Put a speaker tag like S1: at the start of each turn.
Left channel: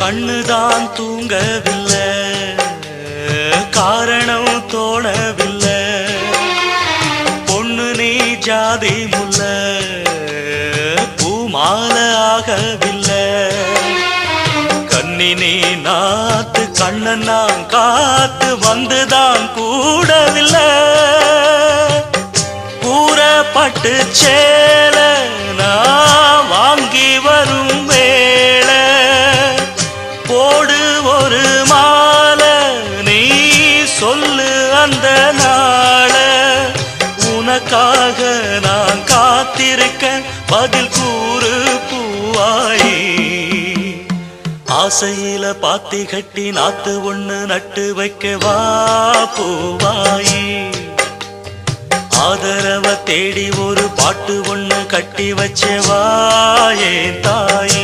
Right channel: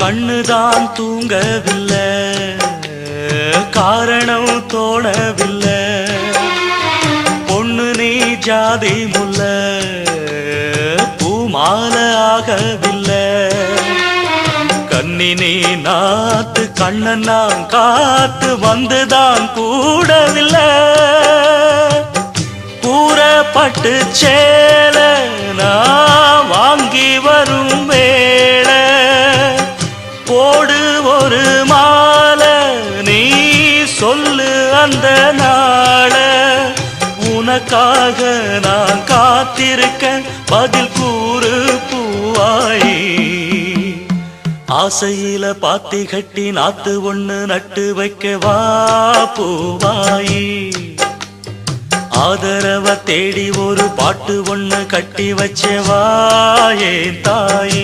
S1: கண்ணுதான் தூங்கவில்லை. காரணம் தோணவில்லை. பொண்ணு நீ ஜாதி முல்ல. பூமால ஆகவில்லை. கண்ணினே நாத்து கண்ணன் நான் காத்து வந்துதான் கூடவில்லை. கூறப்பட்டு சேல நான் வாங்கி வரும் ஒரு மாலை நீ சொல்லு அந்த நாள. உனக்காக நான் காத்திருக்க பதில் கூறு பூவாயி. ஆசையில பாத்தி கட்டி நாத்து ஒண்ணு நட்டு வைக்க வா பூவாயி. ஆதரவ தேடி ஒரு பாட்டு ஒண்ணு கட்டி வச்ச வாயே தாயி.